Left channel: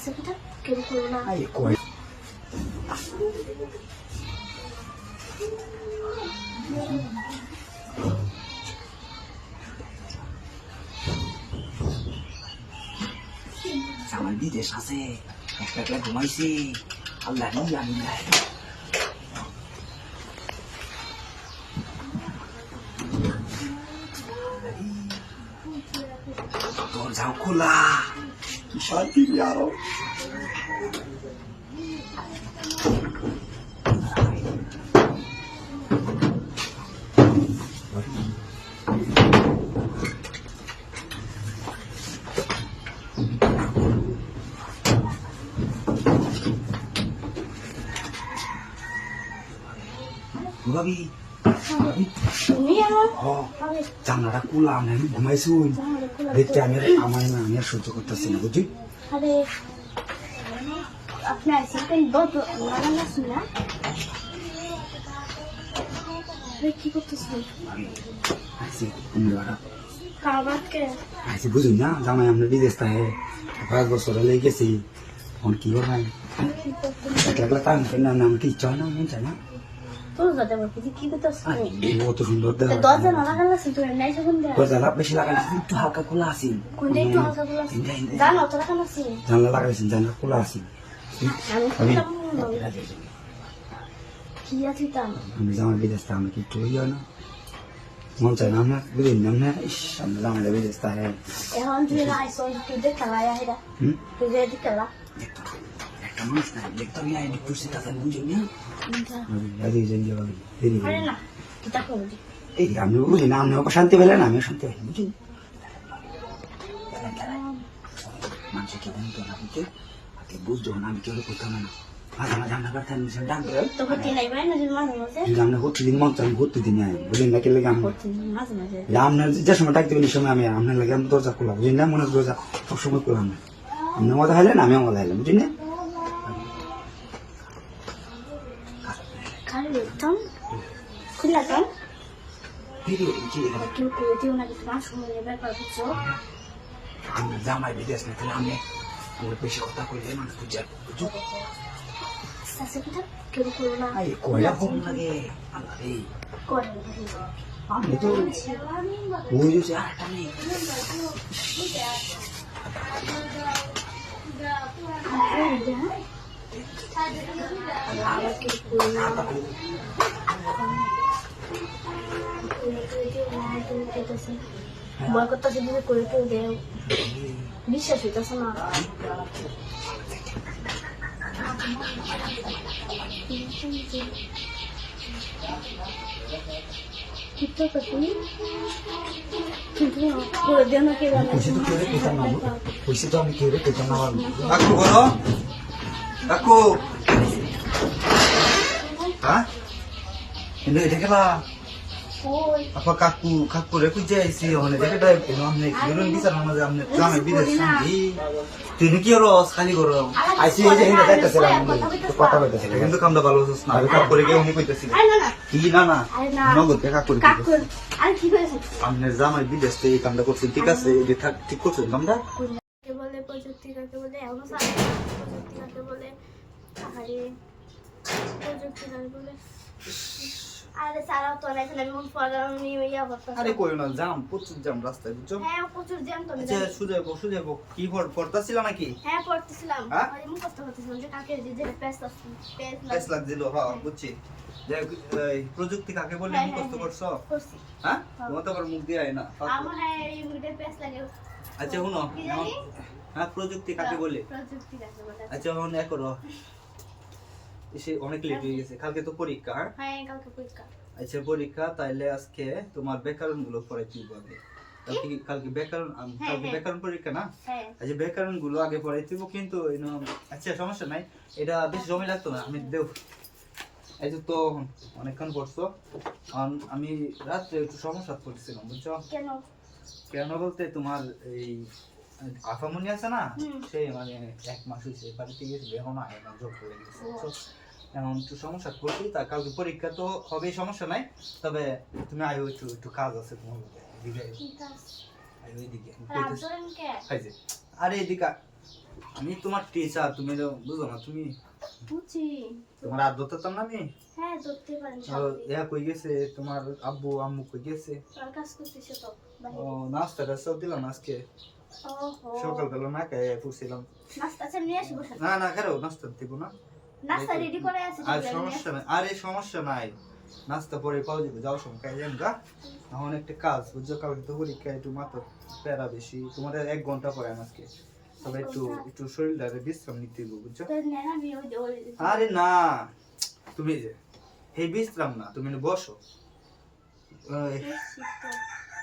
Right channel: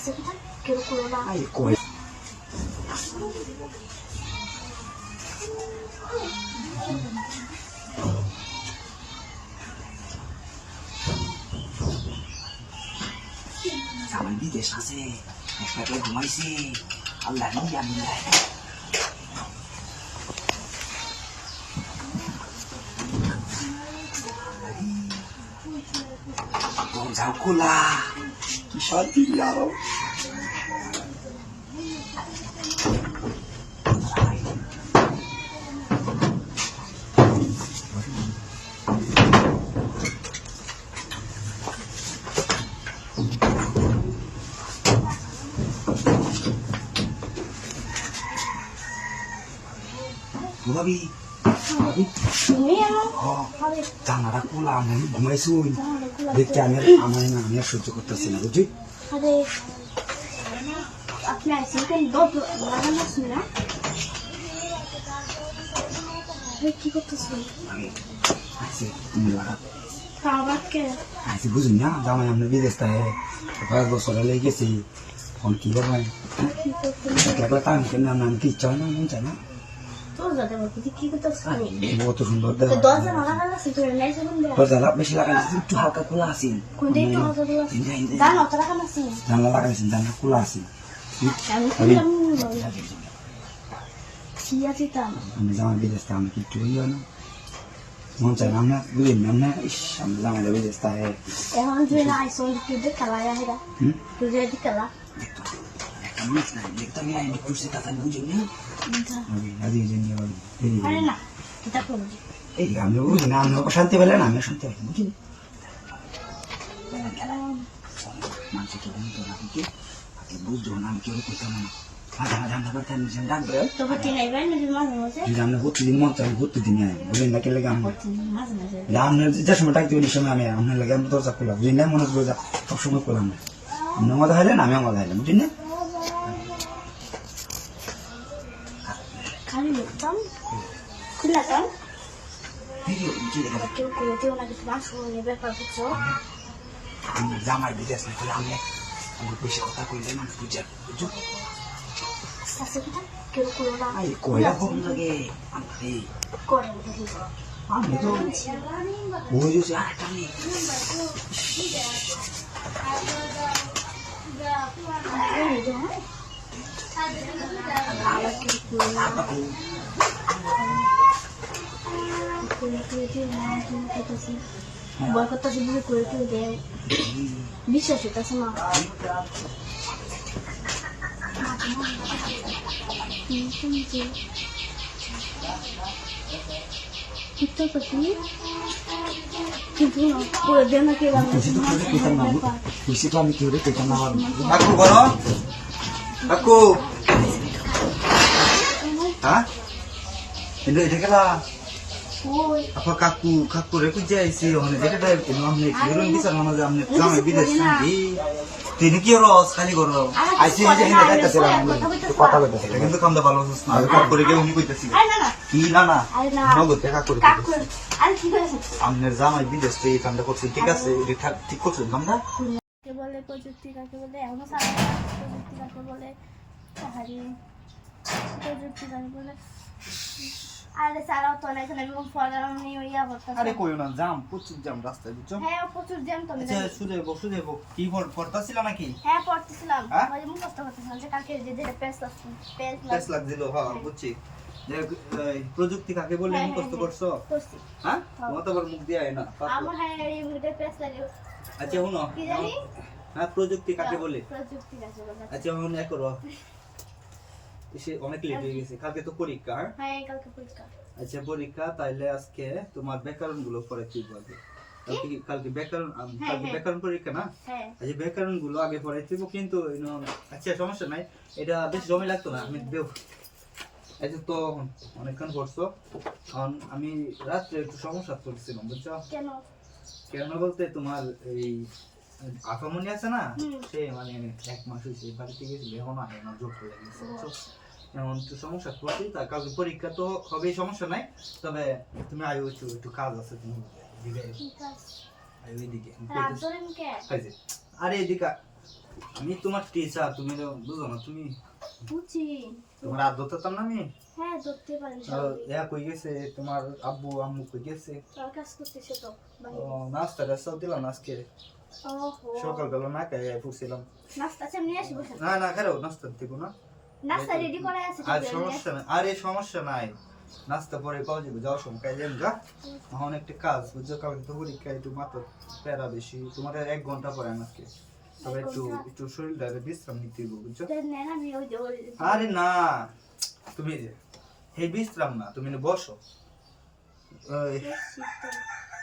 Ay, koi. Saman bides আছে একলা ঘুমাইছি আল্লাহ নিয়ে আমি নাই দরজাও খোলা কি শান্তি যাও ভাবি জানাটা খোলা আমি ঘুমাইছি দেখতে আমি আমার আমি সহ্য করতেছি না বুঝলি আপনি আইসেন কেন বড় না কি করতেছেন আছি তুমি বাড়া কাবাকে আছি বুঝুন না জামাই আমরা বিদেশ থাকে 5 বছর লেগে গেছি এখন কি করবো একলা কাম কেন আমি কি চাই না মন চাই না তোর দাদা বলতে কি করতেছেন কত সুন্দর দেখা দরজা না লাগালে সিকিউর নাই সব দেয়া দরজা বেশি লাগাইছি একটু হালকা খোলা আছে কোন দিন তো হালকা বলা জানো তো লাগালে আছে জানলা লাগাইছি জানলা খোলা আছে আমি কি আছে তা আমি জামাই বিদেশ থাকে আমি কিছু ইয়ে না মন চাই না দুই না ইস আমি জামাই বিদেশ থাকে এখন যে আইসন তুই কালা আইরা তুই যে কালা দেখতাম না একটু সেটা বুঝলি আরে না কিতা করবি এই আমি বুঝি না আমি শান্তি পেলে না আমি শান্তি পাই বুঝলি মানুষ কি জানতো না কিন্তু বুঝতো না আমি কেউ করতাম না মাঝে মাঝে আমরা পারতাম ডাকবে তো হতে নাই ভাই মাঝে মাঝে যদি আমরা হচ্ছে দিন মন চাই হতে দিন বুঝলি না কেলে আমি মাঝে মাঝে আপনার যে সময় ডাক দেবেন এই সময় আমি আপনার লাগে আমি দরজা খোলা বুঝলি না মনে দরজা সবসময় খোলাম না আপনি মজা খাইলেন আমি মজা খাইলাম বুঝলি না খালি টান খুলা টান ভিডিও কেউ করে দিও না কিছু মাছ শুনে ব্যাপার কিছু আমি জামাই বিদেশ না তাহলে আমি ওর বেশি কথা কইলে মানুষ বুঝে বুঝো সাসে কিটা কেউ করে না আরে কয়লা কম থাকে আল্লাহ রে করে দিই আমি তো ওই যে আরেকটা নেই বয় করতেছে বুঝে করে করে দেয় বিশ্বাস হইতেছে না কিন্তু করে দেয় না কেউ খুশি তো আমি কেউ পেতাম না কাকু বলো কাকু হ্যাঁ এটা কেন ওই apa kaku lagi je si orang jaga dah namne belum bisa nama jamne kami bidas sendiri kini kiro sekali koro aisi je ini dah kasih lah kata betul sih itu kamu dah balas na kaku lagi ini kau itu sih kini na mau gue kaku কাকু আর কি করেছে amne zaman bidas tu kamu dah kau sih tiga sih kita tikuk sih kamu dah কাকে বলে প্রযুক্তি কাকে বলে এখনো জানে না প্রযুক্তি কাকে বলে আরে প্রযুক্তি কাকে বলে আরে সারাও তো নাই আমি মুখ ফরানি ইয়া করতেছি আরে কই না জাম প্রচুর জাম রাস্তায় বুঝছো হ্যাঁ প্রচুর জ্যাম তো আচ্ছা শুনে কি পড়তাছিল নাকি হ্যাঁ পড়তেছিলাম হ্যাঁ? ওই মুখ করতেছিলাম যে কালকে যে পেস্ট টেস্ট লাগছিল হ্যাঁ বুঝছি দেখ প্রযুক্তি কাকে বলে হ্যাঁ, মুখস্থ হ্যাঁ, করছো করছি হ্যাঁ তোমার তো আবার মুখ দিয়ে আয় না আমার হ্যাঁ এই মুখে পেস্ট লাগে আচ্ছা শুনো কি জানি হ্যাঁ প্রযুক্তি কাকে বলে প্রযুক্তি কাকে বলে আচ্ছা এখন এক করো এসে অনেক লেট হয়ে গেছে কালকে তো পরীক্ষা হ্যাঁ? হ্যাঁ কালকে পরীক্ষা আচ্ছা পরীক্ষা তাইলে আজকে তোমার ব্যাকরণ গুলো পড়ে তুই বলবে কালকে ব্যাকরণ কালকে হ্যাঁ। ব্যাকরণ পরীক্ষা না হ্যাঁ আচ্ছা ব্যাকরণ গুলো আগে পড়ে তুই কিন্তু আচ্ছা সমস্যা নাই এটা বেশ জমি লাগতো না আমি দেব এই যে তো অনেকক্ষণ পড়ছো আমি রাত্রে একটু সমস্যা পড়ছিলাম বুঝছো কেন কেন বলতে তোমার এই আফামনি আছে না হুম। সে মানে 1 মাস হয়েছে বাড়িতে গেছিল এখন আয় না জোর করে গেছে এখন একটু সমস্যা করছি তা কালকে পরীক্ষা তো হবেই সমস্যা নাই তবে তুমি আয়ো একটু কাজ আছে তোমার দিকে ঠিক আছে আয়ো এদিকে রাত ধরেন কে আরে এদিকে আমি তোমার টিচার, তুমি না বুঝো না, তুমি বুঝছি। তোমার আর ধরতাম না আমি। হ্যাঁ ধরতে পারেন আর স্বাভাবিক। ইয়া কই গেছে তোমার আব্বু আম্মু কই গেছে? আর কাজ করতেছে তো ও বাহিরে। নাস্তা টাস্তাও দিলাম আজকে, ওহো সকালবেলা না খেয়ে ফুসছিলাম। নাস্তা আছে নিয়ে আসি বসেন। না না খেলো নাস্তা দিব না। নাস্তা রেডি করে আছে তো আর নিয়ে সমস্যা নাই, আরে সমস্যা নাই, নাস্তা পরে পাওয়া যাবে, যাওয়ার সময় খাই যাবেন গা। এখন একটা কাজ বুঝছো, কালকে তো পরীক্ষা, একটু মাথা প্যারা বেশি, তোমার 1 ঘন্টা পরে আজকে, তবে একটু একটু শরীরটাকে বিশ্রাম নিতে হবে বুঝছো। তো নেন আমি ওই আরে না, তুমি এই বিশ্রাম না, তুমি বসো। ওই, দেখছি তো।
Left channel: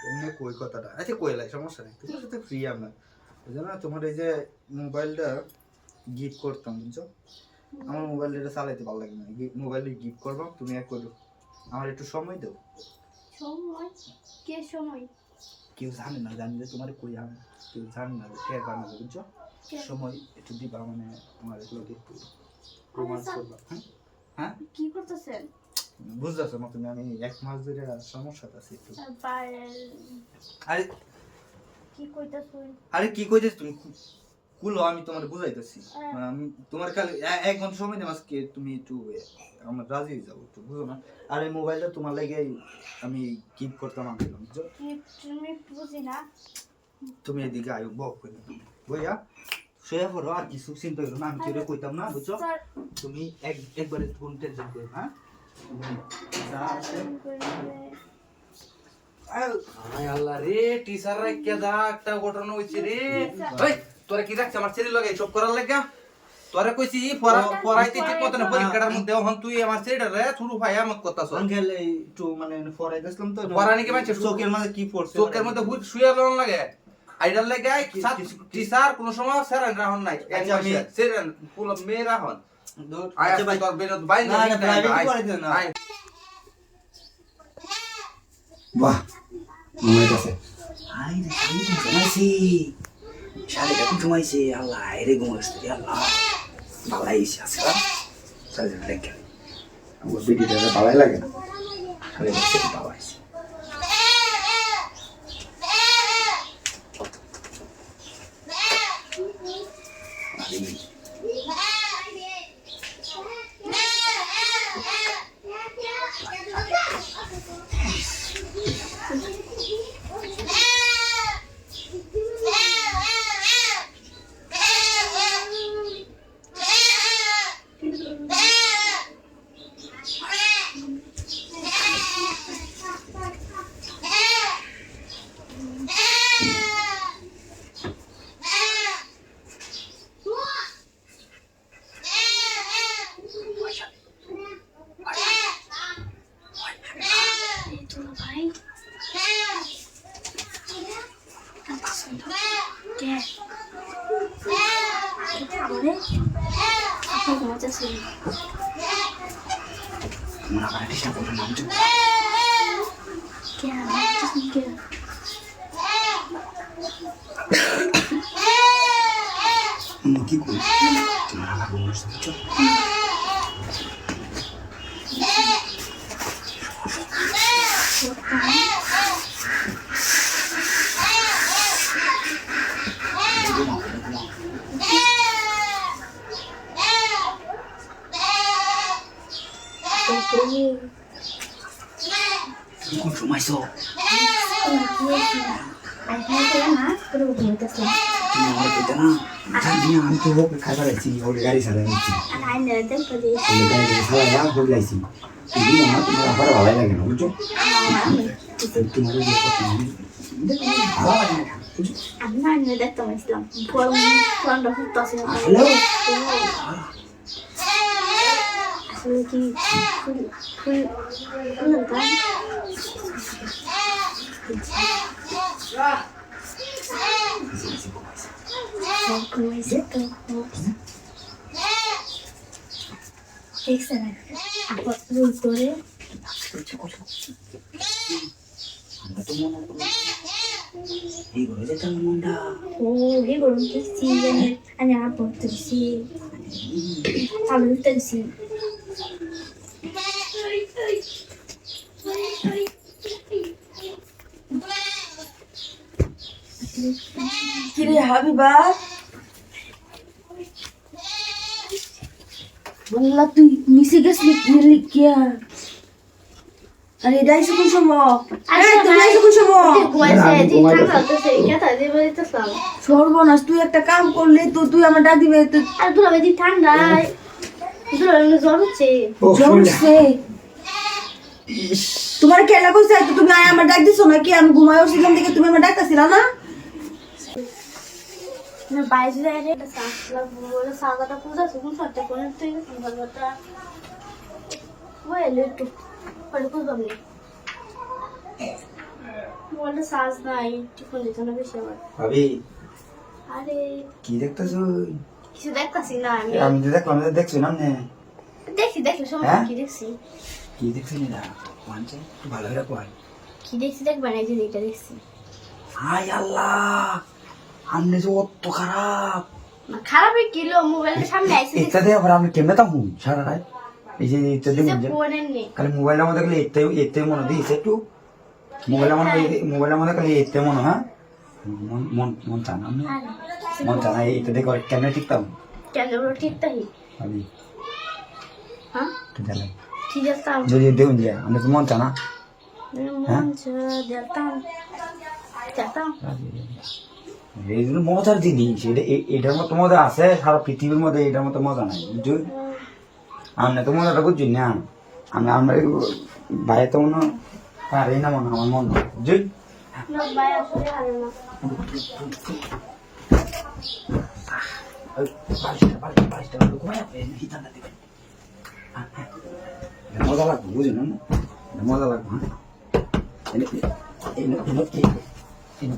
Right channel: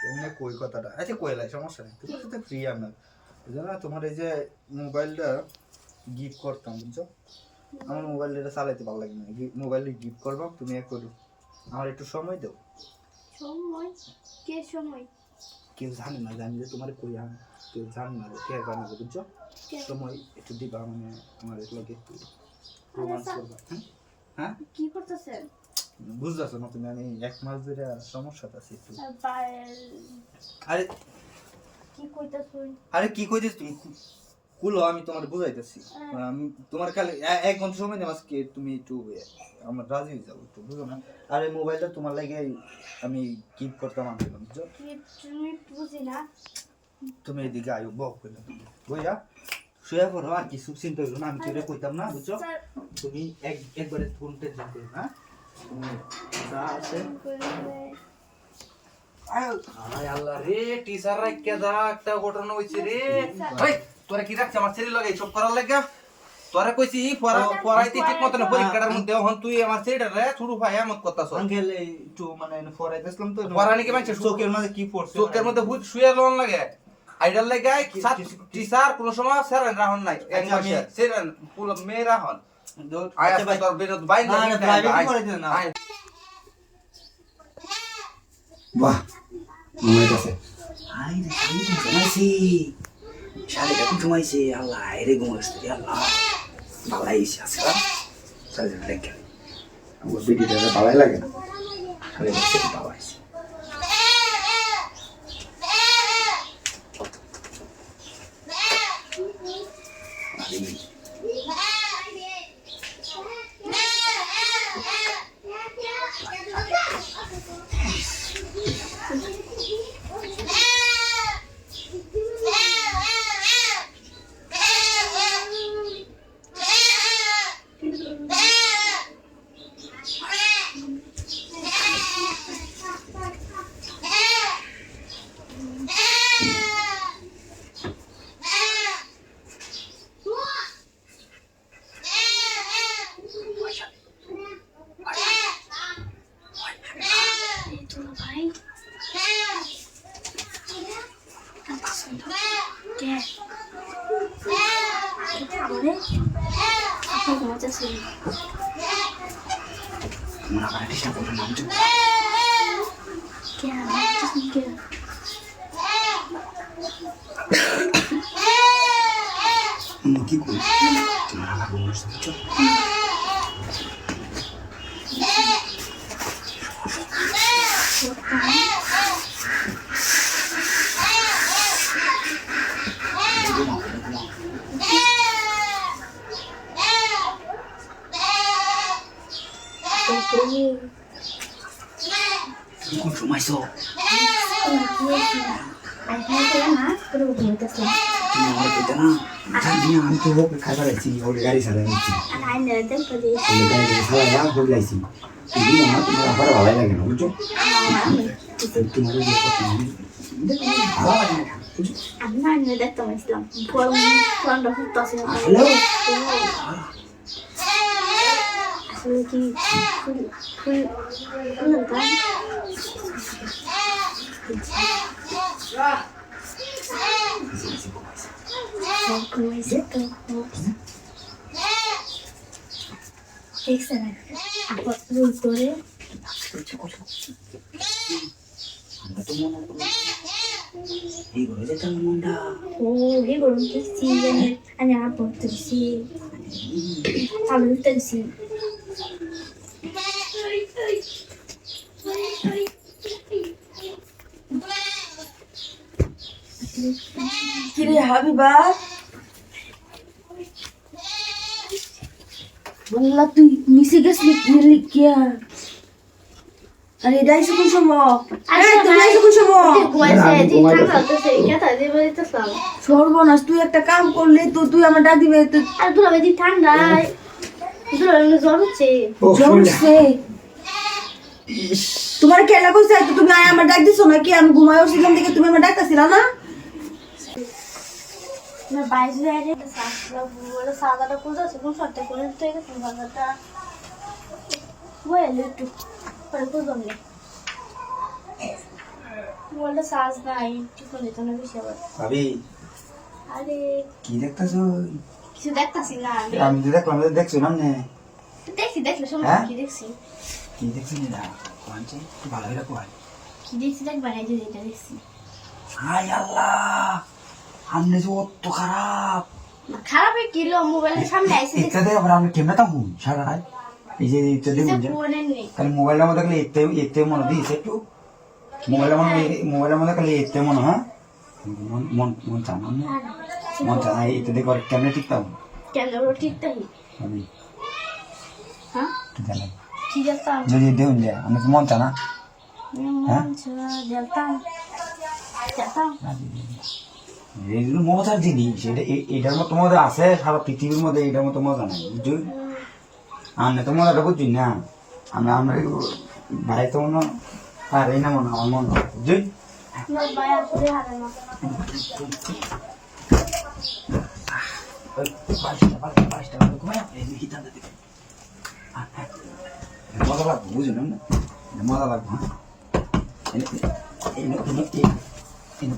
এমনি কই কথাটা, আচ্ছা কইলাই সমস্যা নেই, তোমার সাথে ফ্রি আমরা, বুঝছো না। তোমার এই যে মোবাইলটা গিফট করতাম বুঝছো, আমার মোবাইলটা চালাইতে ভালো লাগে না, মোবাইলে গিফট করবো, তুমি এক করো, আমার একটু সময় দাও। সময় কে সময় কেউ জানে না, জানি যে তোমার কই, আমি কেউ জানে না যে কে জানে না বুঝছো, কে? সময় একটু দিবা, মানে আমার এগুলোকে একটু রোমান্স করবা। হ্যাঁ কি করতেছেন? বুঝতেছো না তুমি, আমি 1 মাস ধরে সমস্যাটা আছে একটু। আরে কি কইতাছুই? আরে কি কইছিস তুমি, কুলো আমি তোমার বুঝাইতেছি। হ্যাঁ। তোমার খালি 1 ঘন্টা সময় দেব আজকে, তুমি একটু আমার রাজি হয়ে যাও একটু, বুঝো না। আর এই মোবাইলটা তোমার লাগে আমি গিফট করতে আমার দিলাম বুঝছো। তুমি বুঝি না। তুমি এদিকে আয়ো, বক কইলা তুমি বইয়া শুয়ে পড়ো, আর কিছু চিন্তা করো না, আমি তোরে কইতাম না বুঝছো। স্যার তুমি একবারে কোন টেনশন করো না, তুমি যা আছে আয় আল্লাহ রে, টিচার রে কেদা একটা ঘটনা হইছে রে। ওই তোরে কি রাখছ আমার ছেলে লগে সব করার লাগা? তোরে কইছি পড়াইতে ঠিক মতন পরীক্ষাটার মধ্যে হন তুই আমার ছেলেটা রে ছুড়ু ভাই আমত করতাছ। আঙ্কেল একটু মানে ফরাই দিছিলাম তো, পড়ানি কি মানছে চোখের মাঝে কি পড়ছে, চোখের মধ্যে হুট শুয়ে লন লাগে। আইডাল লাগে টিচার কোন সময় স্যারেন রাহন নাই। আচ্ছা, আমি স্যারেন পুরো মেয়ে রাহন। আয় আচ্ছা ভাই, তোর বেজত বাইন না, না, driving করে দেন না। আয় বাহ মনে আছে আই রে আমি ঘুমাইছি, শাড়িটা কি ঘুমাইছে, আল্লাহ রে ঘুমাইছে, আল্লাহ ভালাই আছে সালে দেখে আমার ভিডিওটা ভালাই লাগে না সালে দেখে ভালাই ভাই কে আমারে আপনি ঘুমাইতেছেন? মনে করে চেষ্টা করো না বুঝছো কে ঘুমাইতেছেন কে? কি করি তোমার আমার বুঝছো কোন সময় সো তুমি আমার কইতে না জানি না আমি তো ওকে খাবার আছি ওকে গাড়ি চালাচ্ছি ওকে গাড়ি চালায়া হয়ে যাইছি তুমি আমার তোমার আবার ভালো লাগে না বুঝছো তোমার যে কথা ভালো লাগে না বুঝছো হ্যালো আমরা তো মনে করি এই ঘরে যেতাম মনটা কিরে হাবিবা বললা তুই নিচে গেছিলি লিখিয়া আরে এটাই কোন সময় আরে তুমি আইছো কোন সময় ঘুমাইছে যে ঠান্ডা হতেছে কেতা দিয়ে বলিতেছাম সর্বনাশ তুই একটা কাম করলি তো তুই আমার ডাক দিবে তো আর দুলা বেদি ঠান্ডা দুলা জ্বর হচ্ছে জমছে তোমার কেলা কইছে তো তুমি আয় আমার ডাক দিছো নাকি আমি ঘুমায় উঠছিলাম দেখে তুমি আমার ডাকতাছিলা না না বাইরে যায় রে বলে সাদাটা কুজা শুধু ফটে করে তুই সাদাটা বলে একটু পরে কুজা নে বলে সাজ নাই একটু করে তো বেশি আবার ভাবি আরে কি দেখতেছো কিছু দেখতাছি না আমি তো দেখলাম দেখছো না নে দেখি সময় হ্যাঁ? কি দেখছি কি দেখছো না কোনটা একটু ভালো করে কয় কি দেখছি দেখবা না এই যে এটা দেখছি হাই আল্লাহ আমনে যে অত খারাপ না খারাপই কিলো মোবাইলের সামনে আইছে এটা দিয়ে আবার আমি কেমনে তাহু সারা রাত এই যে এটা দিয়ে মনে ফোনের নেই খালি মোবাইলের মধ্যে খালি এতে মনে দিয়েছে একটু মোবাইলের মধ্যে খালি এতে মনে হ্যাঁ মন মন মন চানা মন চানা এটা দিয়ে করে কেমনে ঠিক তাহু কেন ওরা ঠিক তাই আমি হ্যাঁ তো জানাই ঠিক আছে যদি দেউন যায় আমি তো মন চানা মন যেতাম এইগুলো মজার জিনিস এটার মতো মজা আছে সারা পৃথিবীর মধ্যে এটার মতো মজা নাই বুঝছো আমি তো মজাটা বুঝছি না আমি আমরা ভাই তো মনে পারে না মনে আমার মন বুঝছি ভাই আসলে হারে না মজা লাগবে বুঝলেন না মজা লাগবে হ্যাঁ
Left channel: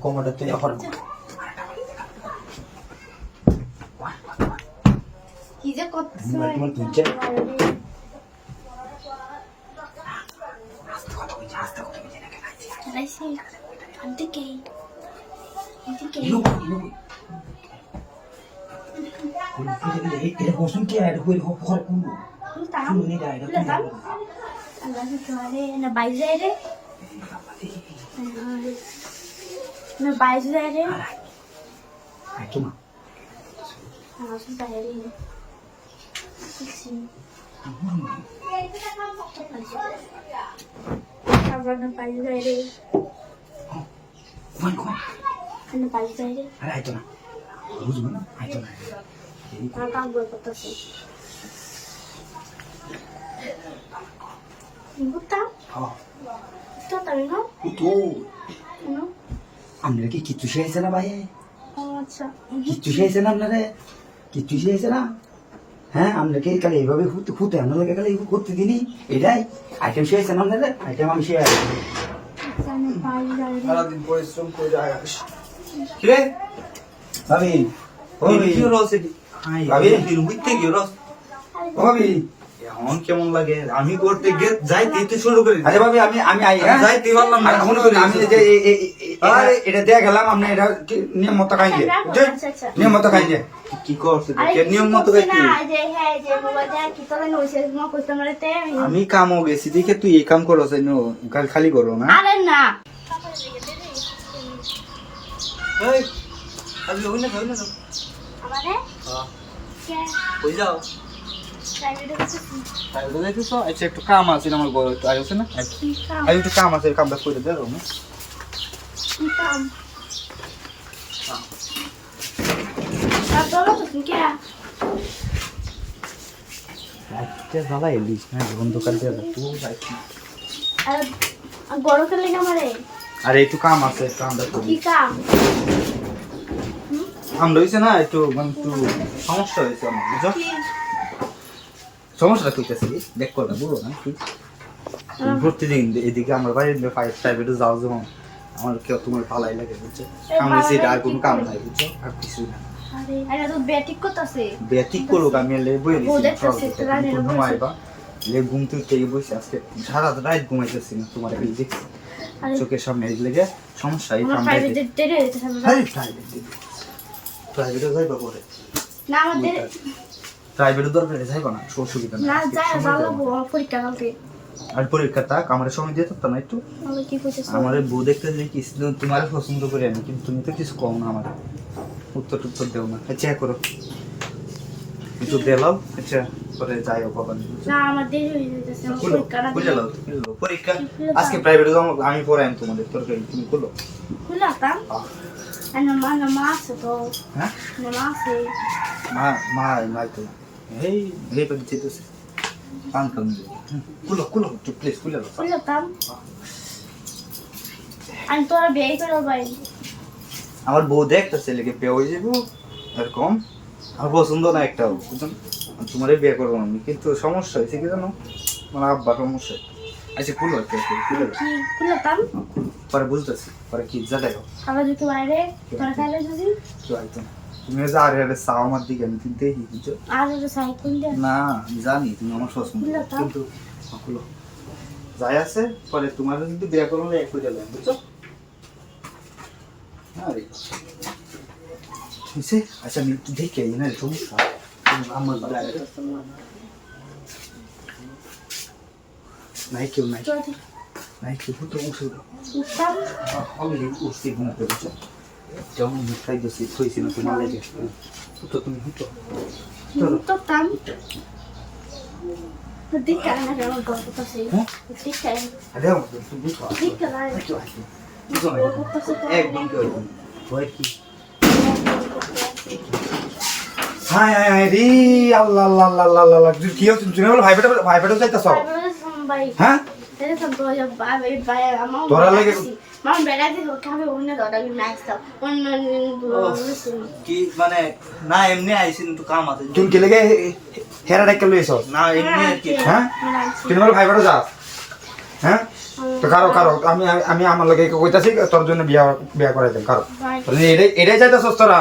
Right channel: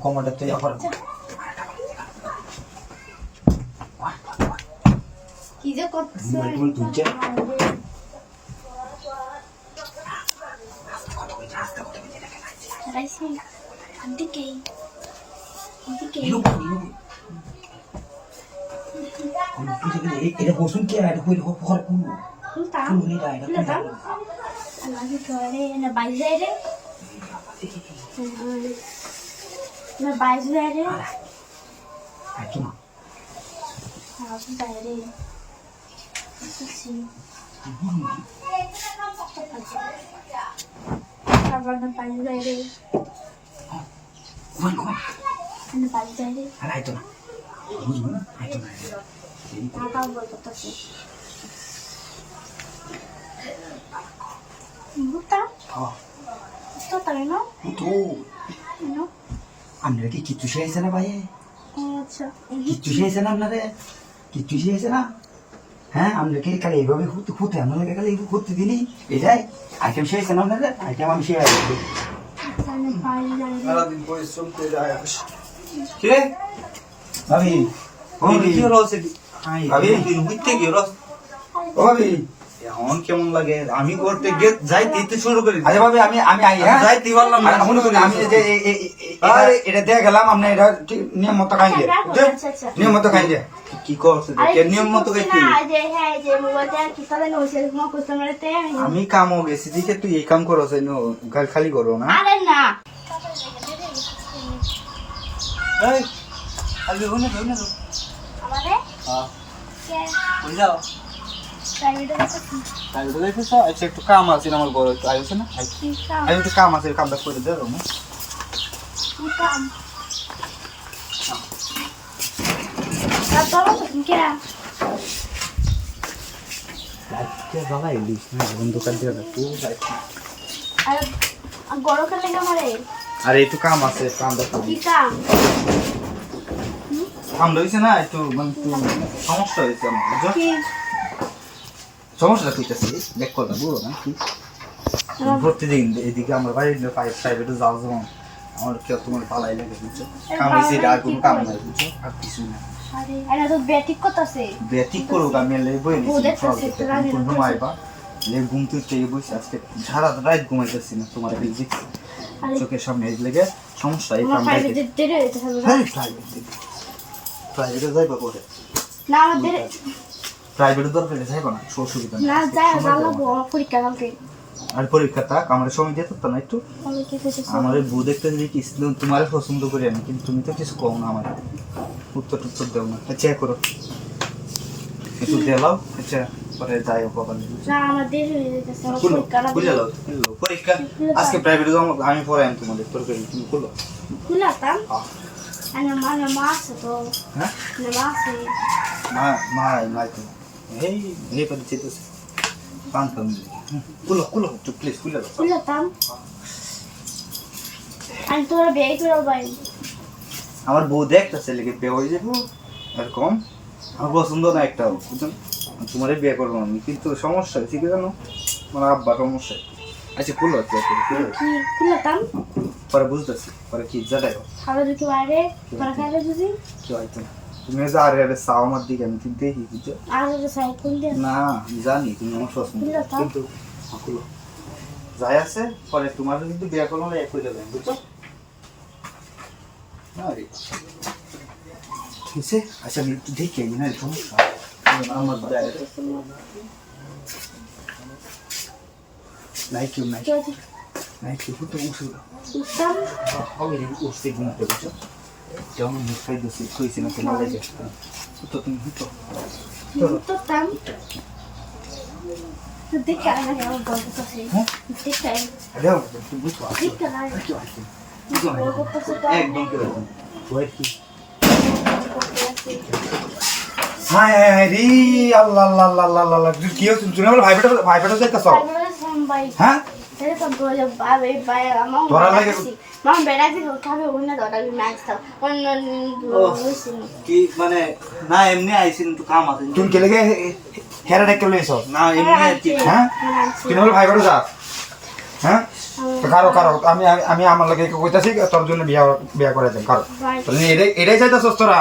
কমরটা তুই এখন কি যে করতেছে তোমার তুলছে আইসি দিকে দিকে এটা বসুন কি এটা হয়ে ঘরে কোনটা তাম আমি ধরে না বাইরে রে না বাইরে রে তোমার আমি বাইরে আবার না বাইরে রে কোন কোন না বাইরে রে আরে আইতো না বুঝবো না আইতো না তা কাম করতেছে বুঝতা তো তাই না তো না আমরা কি কিচ্ছু শিখেছে না ভাই আচ্ছা কিচ্ছু শিখেছে না আপনারে কিচ্ছু শিখেছে না হ্যাঁ আমরা কি কালে এইভাবে খুঁতে আমরা কালে খুঁতে দিনি এটাই আইটেম শিখেছে না আপনাদের আইটেম আমি শিখে আসছি সারাদিন পরিশ্রম করে কিরে ভাবি ও কি হলো সে ভাবি বুঝতে কি হলো ও ভাবি এখন কেমন লাগে আমি করতে গিয়ে যাইতে তো শুরু করি আচ্ছা ভাবি আমি আমি আই হ্যাঁ যাইতে পারলাম না শুরু করি আমি যে এটা দিয়ে গেলাম আমরা এটা নিয়ম মতো খাই যে নিয়ম মতো খাই যে কি করছিস কে নিয়ম মতো গাইতি আমি কাম বেশি দিকে তুই এই কাম করছ কাল খালি করো না আরে না এই আরে হনে হনে আমারে হ্যাঁ কে কই যাও প্রাইভেটে আছে তাই বলে দেখছো আচ্ছা একটু কাম আছে আমার বড় একটু আইছ না কি কাম আই একটু কাম আছে কামটা করে দেবো কি কাম তোরা তো কি না আজকে বাবা ইলিশ না বন্ধ করে দিয়ে তুই যাইছি আরে গরম করে লাগে আমারে আরে একটু কাম আছে কামটা করি কি কাম কাম লইছে না একটু মানে একটু সমস্যা হয়েছে আমার বুঝছো কি সমস্যা করতেছি দেখ করলে বুঝো না কি প্রতিদিন এদিকে আমার বাড়ির প্রাইভেটে যাও যখন আমার কেউ তোমার ভালাই লাগে বুঝছো কাম হয়েছে আর কোনো কাম নাই বুঝছো আর কিছু না আরে আরে তো ব্যাটিক করতেছে ব্যাটিক করুক আমি লে বই দেখতেছি, একটু রান্না নিচ্ছি ঘুমাইবা লে ঘুম থেকে বসে আজকে সারা রাত ঘুমাইতেছি না তোমার এই দেখছি আরে চোখের সামনে এই লেগে সমস্যা এই আমার কাম প্রাইভেটে দেরে যেতে হবে না হ্যাঁ প্রাইভেটে যাইবা করে না আমাদের প্রাইভেটে দরকার যাইবা না সুবিধা না যায় যা লাগবো আমার পরীক্ষা কালকে আর পরীক্ষা থাক আমার সময় দিয়ে থাকতাম না একটু আমি কি কইতেছ আমাদের বউ দেখতে যে কি তোমার পছন্দ করি আমি কিন্তু তুমি তো কিছু কম না আমার উত্তর টুত্তর দেও না আচ্ছা করো একটু দেলাও আচ্ছা পরে যাই হোক বাবা না আমার দেরি হয়ে যেতেছে আমার খুলো পরীক্ষাটা বুঝে দাও পরীক্ষা আজকে প্রাইভেটে যাবো আমি পড়াই তোমাদের তোর তুমি খুলো খুলাতাম আর মা আছে তো হ্যাঁ মা আছে মা নাই তো এই এই পরে যেতেছে পান খাম খুলো খুলো একটু প্লিজ খুলে দাও খুলাতাম আর তোরা বিয়ে করে ভাই আমার বউ দেখতেছে লেগে বিয়ে হয়ে যাবো আর কম আমার পছন্দ না একটা বুঝছেন তোমারই বিয়ে করবো আমি কিন্তু সমস্যা হয়েছে কি জানো আমার আব্বা সমস্যা আচ্ছা খুলো আর কি আছে খুলে দাও। কি খুলাতাম পরে বুঝতেছি পরে কি জানাই আবার যদি বাইরে তোরা খাইলে যদি কি হয়তো না তুমি যে আর একটা চাও আমার দিকে আমি কিন্তু দেখি বুঝছো আর সাইড কোন দিয়ে না আমি জানি তুমি আমার পছন্দ খুলো তো। কিন্তু খুলো যাই আছে পরে তোমার কিন্তু বিয়ে করবো এক হয়ে যাবে বুঝছো না রে বুঝছে আচ্ছা আমি একটু দেখে আই না সমস্যা আমার নাই কেউ নাই যদি নাই কেউ তো উঠে উঠতাম অলরেডি উঠছে ঘুম করেছো যেমন খাইতে খুঁজছি না তোমার লেগে তো তুমি হুটো উঠতাম দেখে আয় না কেমন গল্প তো সেই হ্যাঁ দেখে আয় আরে তুমি বুঝো দেখে আয় বুঝো না একদম কেউ ওয়েট কি হাই হাই হাই রে আল্লাহ আল্লাহ আল্লাহ আল্লাহ আল্লাহ তুই কি হচ্ছে তুমি বল ভাইফাটা যাইতাছ হ্যাঁ তোরা লাগে কি মানে না এমনি আইছিন একটু কাম আছে তুমি কে লেগে হেরাটা কে লইছ না এমনি আর কি হ্যাঁ তুমি বল ভাইফাটা যা হ্যাঁ তো কারো কারো আমি আমি আমার লাগে কইতাছি তোর জন্য বিয়া বিয়া করে দেন কারো এটাই যাইতাছস তোরা